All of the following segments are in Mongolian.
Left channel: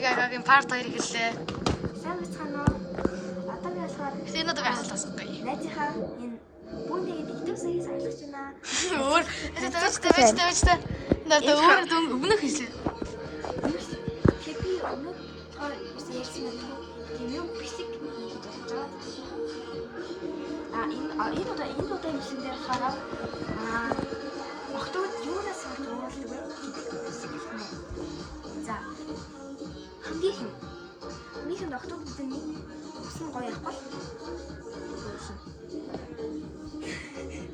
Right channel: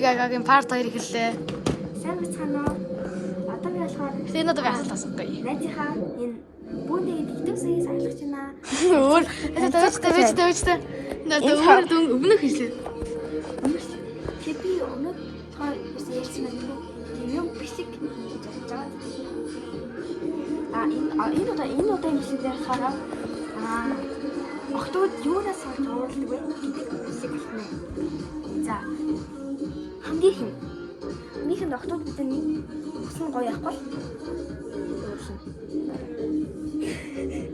Гагагийн part 2 эхэллээ. Сайн бацхан уу? Одоо би болохоор Энэ одоо асуулт асуухгүй. найзынхаа энэ бүүндээ YouTube series ажиллаж байна. Өөр тавьж. Надад өөр өмнөх хийлээ. Би өмнөд тоо ярьсан мэдгүй. Тийм бисик гэж бодож байгаа. Энэ удаа ингэсээр хараа. Октод юунаас орж уулдаг вэ гэдэг бисик хэлнэ. За. Минийх нь октод бидний усан гоё явахгүй.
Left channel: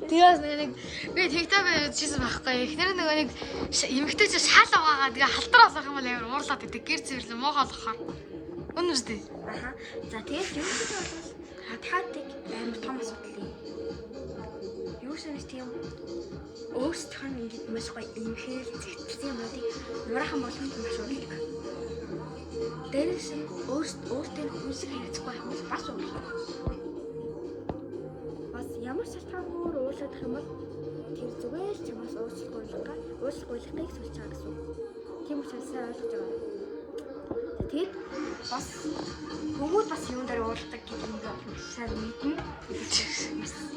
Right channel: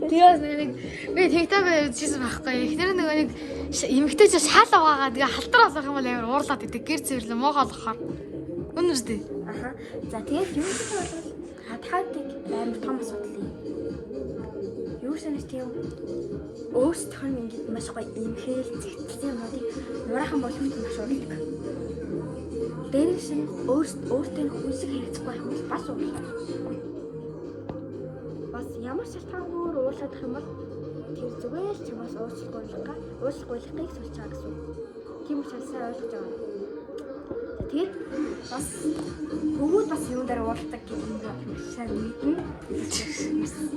Тэгээс нэг би TikTok үзчихсэн байхгүй. Эхнэр нэг эмэгтэйч шаалга байгаа. Тэгээ халтар болох юм бол амар уурлаад идэг. Гэр цэвэрлэн моогоо болохоор. Үнэн үстэй. Аха. За тэгээд юу гэж бодвол хатхаатыг амар том асуудал юм. Юу санаж тийм өөрсдийнх нь ингэж маш гоё имхэл зэгцсэн юмнуудыг нураахан болгоход маш урилдаг. Дээрээс нь өөртөө хүнсэг хэрэгцэхгүй хүмүүс бас урилдаг. Бас ямар шалтгаангүй уурлах юм бол тэр зүгээр ч чамаас уучлахгүйхийг сулж байгаа гэсэн. Тийм учраас сайн ойлгож байгаа. Тэгэд бас хүмүүс бас юун дээр уурлах гэдэг юм байна. Сайн мэднэ.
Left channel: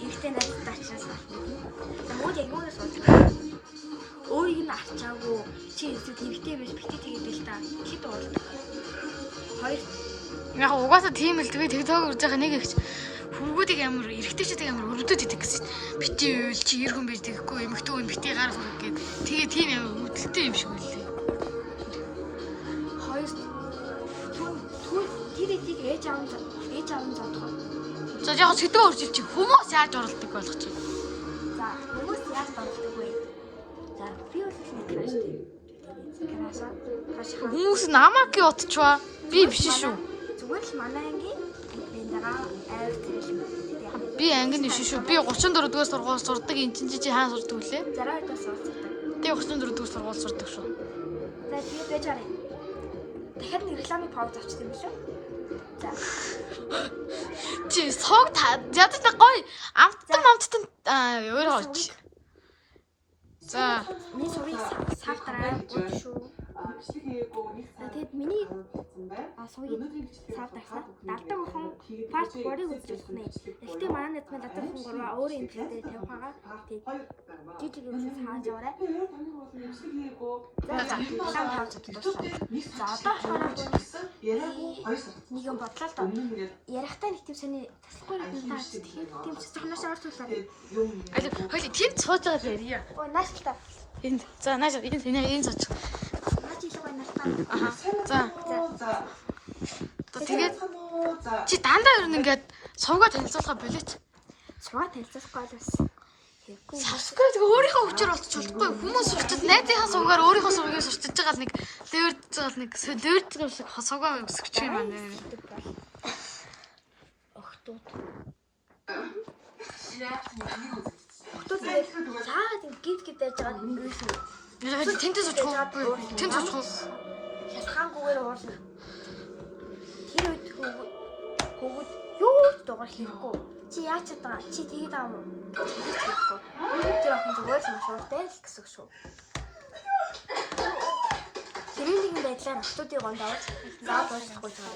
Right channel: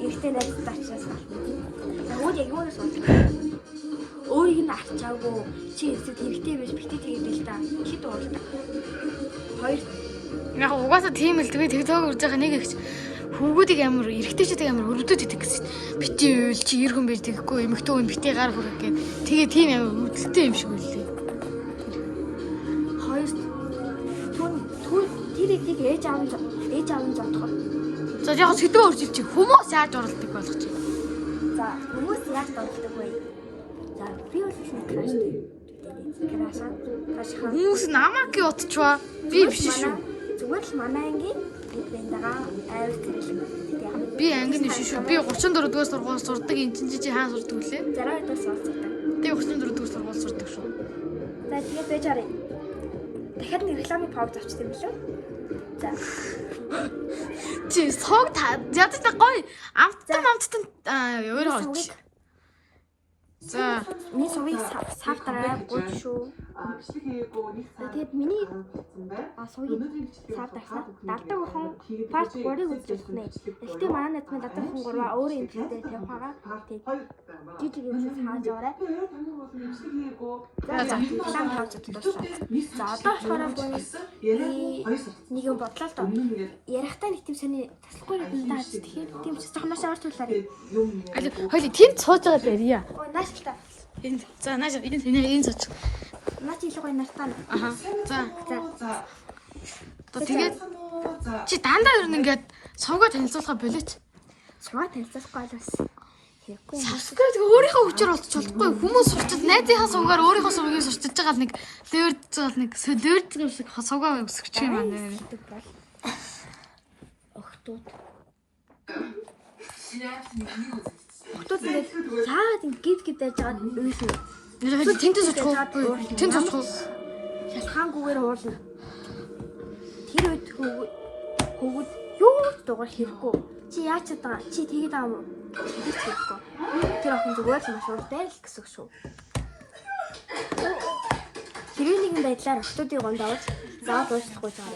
Ихтэй надад ачаас байна. Тэгвэл яг юунаас уурлах? Өөрийг нь авчаагүй чи эсвэл хэрэгтэй биш битээ тэгээд л та хэд уурлах. Хоёр Яг угаасаа тийм л би TikTok үзэж байгаа нэг их хүүгүүдийг амар эргэжтэйчдэг амар өрөвдөд идэг гэсэн. Бити уйл чи эр хүн байж тэгэхгүй эмэгтэй хүн бити гар хүрэх гээд тэгээ тийм амар үүдэлтэй юм шиг үлээ. Хоёр түн тэрийг ээж аав нь зодох. За яг сэдвээ өржил чи хүмүүс яаж уралдаг болгоч. За хүмүүс яаж донтдог вэ? За би бол краш хүмүүс намайг утчваа. Би биш шүү. Зүгээр л манай ангийн бэндагаа айр зэрэг. Би ангины шүү. Би 34 дугаар сургууль сурдаг. Энд чинь хаан сурдаг үлээ. 60 дэх сурдаг. Би 34 дугаар сургууль сурдаг шүү. За тэгээд байж арай. Дахиад нэг рекламын пауз авчихсан юм шүү. За. Чи сог та ядаж гоё амттан өөр хооч. За миний сувыг савдараа гол шүү. Тэгээд миний сувыг савдарсан. Далдаг охин part 3-ыг үзэж байна. Гэхдээ манай найз маань далдаг охин 3-аа өөрөө энэ дээр тавих байгаа. Тэгээд жижиг юм хааж аваарай. За лам тавж дуусаа. За одоо болохоор нэг юм бодлоо л доо. Ярихтаа нэг тийм сони таслахгүй юм даа. Тэгэхээр тийм ч жоохон маш авартуулаарай. хоёул тийм сууж байгаа юм яа. Наас ихтэй. Энэ за нааш энэ сууж. Наач илүү гоё нартаа. Аха. За. Тэгээд чи дандаа ер нь ингээд сувгаа танилцуулахаа болооч. Сувгаа танилцуулахгүй бас хэрэггүй. Савскрайб өөрийнхөө хүчээр олж чадахгүй хүмүүс сурчаад найзынхаа сувгаар өөрийнхөө сувгийг сурчиж байгаа нэг леверж шиг сувгаа өсгөж юм аа. Охтууд тэгээд цаад ингээд байж байгаа юм шүү. Яг тэнтэс очихгүй. Тэнтэс очих. Шалхаангүйгээр хуулна. Тэр үед хөвгүүд юу дугаар хэрэггүй. Чи яаж чадгаа? Чи тэгээд аа юм уу? Тэгж хэрэггүй. Тэр охин зүгээр л маш ууртай л гэсэн шүү. Хэрвээ нэгэн байдлаар охтуудыг гондоож заавал уучлахгүй жаа.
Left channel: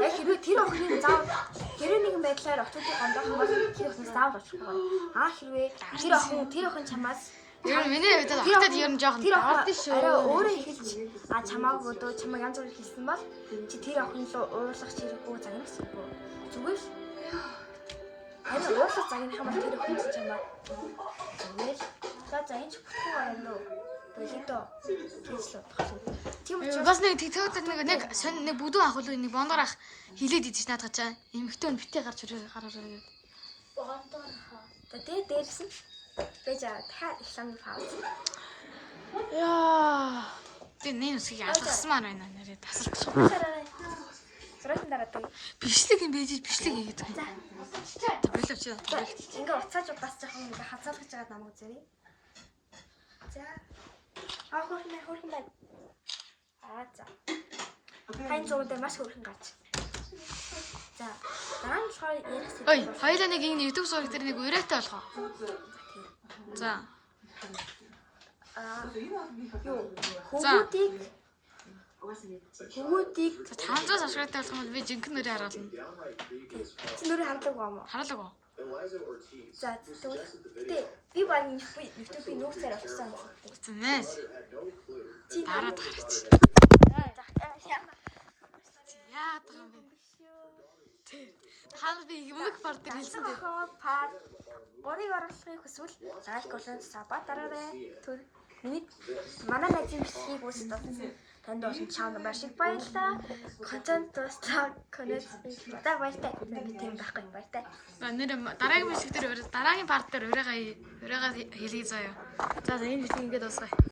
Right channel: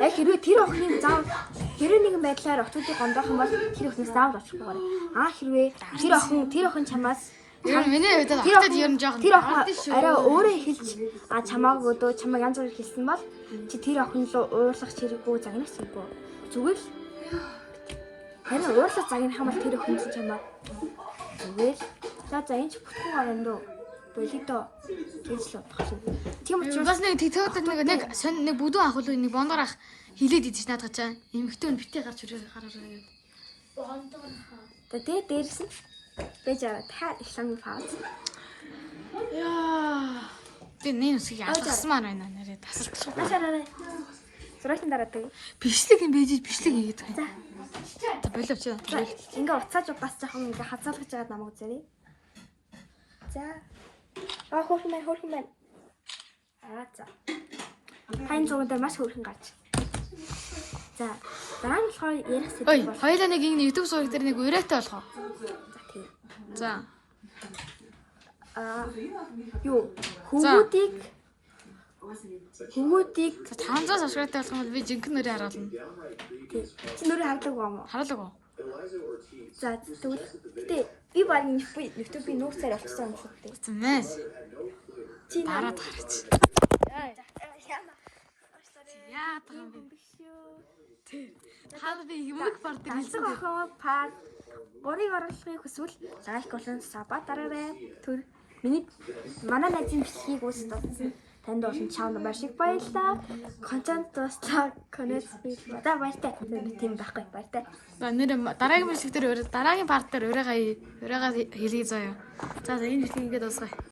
Яг хэрвээ тэр охиныг заавал хэрвээ нэгэн байдлаар охтуудыг гондоох юм бол тэр охиныг заавал уучлахгүй гоо. Хэрвээ тэр охин чамаас миний хувьд хатад ер нь жоохон тэр охин арай өөрөө эхэлж чамааг өдөө чамааг янз бүрээр хэлсэн бол чи тэр охин руу уурлах хэрэггүй загнах хэрэггүй. Зүгээр л харин уурлах загнах юм бол тэр охин чинь чамааг зүгээр за энэ ч бүтгэн гарна дөө. Болидо гэж л бодох шүү. Тийм учраас бас нэг TikTok-д нэг бүдүүн ах уу нэг бондор ах хилээд идэж наадах чаа. Эмэгтэй нь битээ гарч гараа гэдэг. бондор ах. Тэгээд дээрс нь байж та рекламын пауз. Яа. Тэ нэг шиг асмаар байна нэрээ тасалчих. Хашаарай. Зурагтан дараадаг. Бичлэг юм бийж бичлэг хийгээд. За болов чи. Ингээ уцааж бас жоохон ингээ хазаалгаж байгаа намайг үзээрэй. За. Хөрхөн байна. За. Тань зураг дээр маш хөрхөн гарч. За. Дараа нь болохоор ярих сэдв бол. Хоёулаа нэг энэ YouTube зураг дээр нэг урайтай болгоо. За тийм. За. Юу? Хөвгүүдийг Хөвгүүдийг 500 subscribe-тай болох юм бол би жинхэнэ нөрөө харуулна. чи нөрөө хардаг юм уу? Харуулаг уу? За тэгвэл гэтээ би баг YouTube-ийн нууцаар авчихсан юм шүү дээ. Зэмээс. Чи Дараад гараач. Яа таа бэ? Хаа би юмэг парт Галзуу охин пар 3-ыг оруулахыг хүсвэл лайк болон саба дараарай. Түр миний манай найзын бичлэгийг үзсэн танд олон чаанд маш их баярлалаа. Контент дуслаа. Коннект бата баяртай. Тийм байхгүй баяртай. Нэр дараагийн бичлэг дээр дараагийн парт дээр урайгаа хэлье заяа. За энэ бичлэг ингээд дуусгая.